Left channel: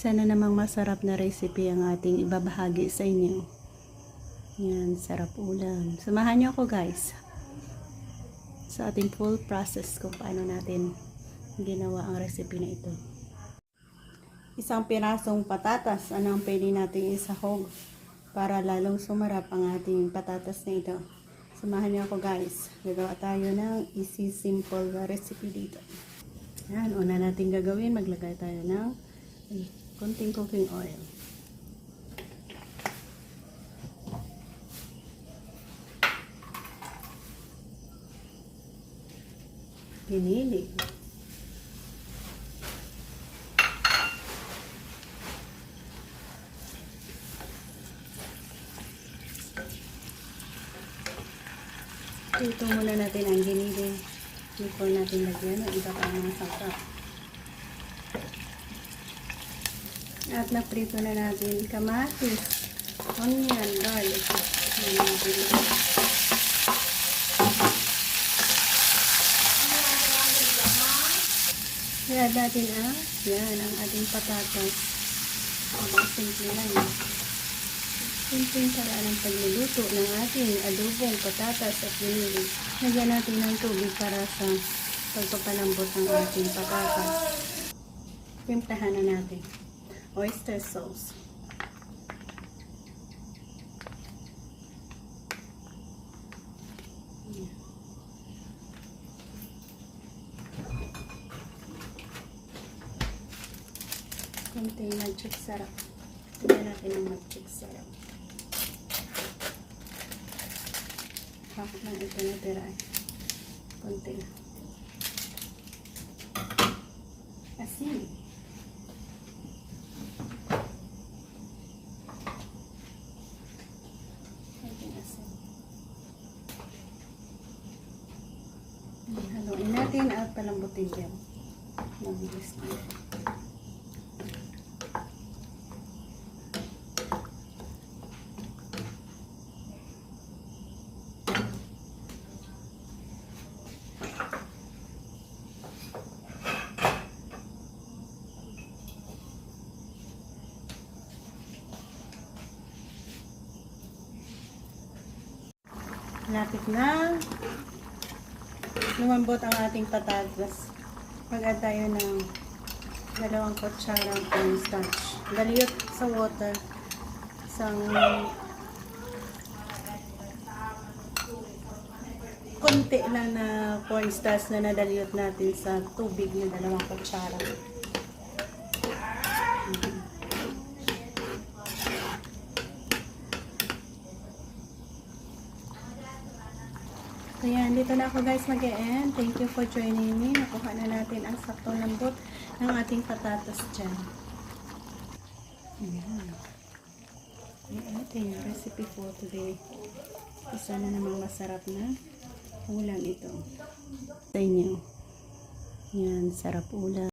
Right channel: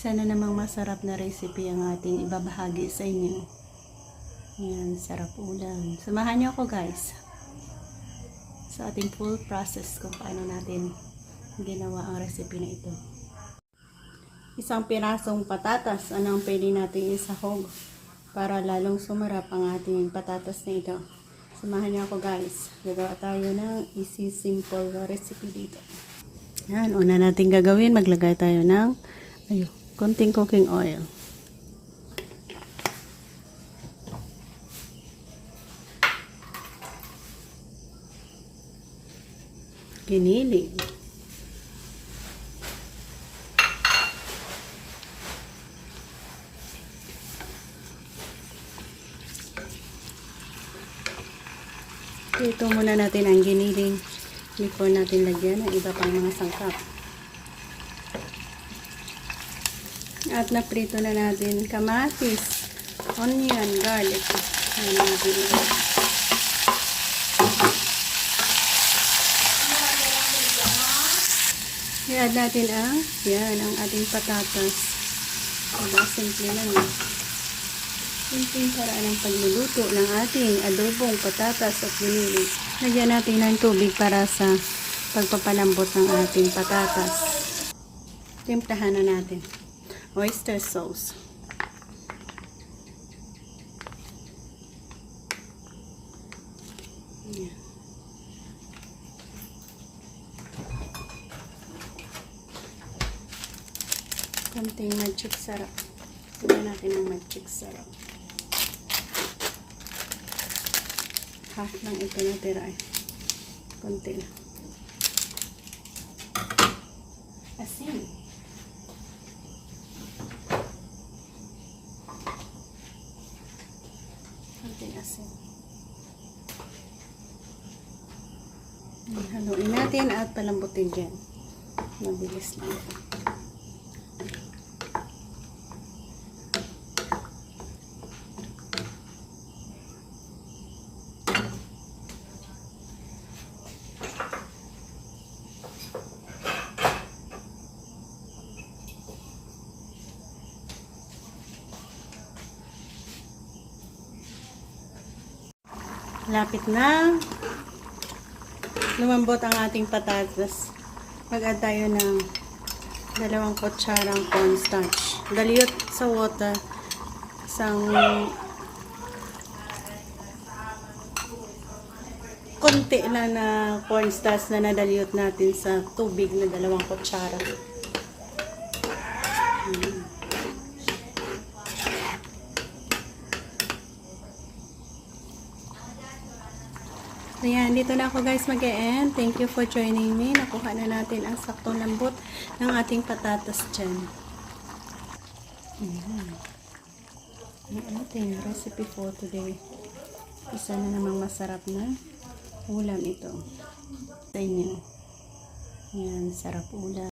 Isa na namang masarap na recipe ang ating ibabahagi sa inyo. Yan, sarap ulam. Samahan niyo ako guys sa ating full process kung paano natin ginawa ang recipe na ito. Isang pirasong patatas, ano ang pwede natin isahog para lalong sumarap ang ating patatas na ito. Samahan niyo ako guys. Gagawa tayo ng easy simple recipe dito. Yan, una natin gagawin, maglagay tayo ng ay, konting cooking oil. Giniling. Ito muna natin ang giniling before natin lagyan ng iba pang mga sangkap. At naprito na natin kamatis, onion, garlic. I-add natin ang, yan, ang ating patatas. Ang simple lang yun. Simpleng paraan ng pagluluto ng ating adobong patatas at giniling. Lagyan natin ng tubig para sa pagpapalambot ng ating patatas. Timplahan na natin. Oyster sauce. Yan. Konting magic sarap. Lagyan natin ng magic sarap. Half lang ito natira eh. Konti lang. Asin. Konting asin. Haluin natin at palambutin dyan. Mabilis lang. Lapit na. Lumambot ang ating patatas. Mag-add tayo ng dalawang kutsarang cornstarch. Galiyot sa water. Isang konti lang na cornstarch na nadaliyot natin sa tubig na dalawang kutsara. Mm. Ayan, dito na ako guys mag-e-end. Thank you for joining me. Nakuha na natin ang saktong lambot ng ating patatas dyan. Ayan. Ang ating recipe for today. Isa na namang masarap na ulam ito. Sa inyo. Ayan, sarap ulam.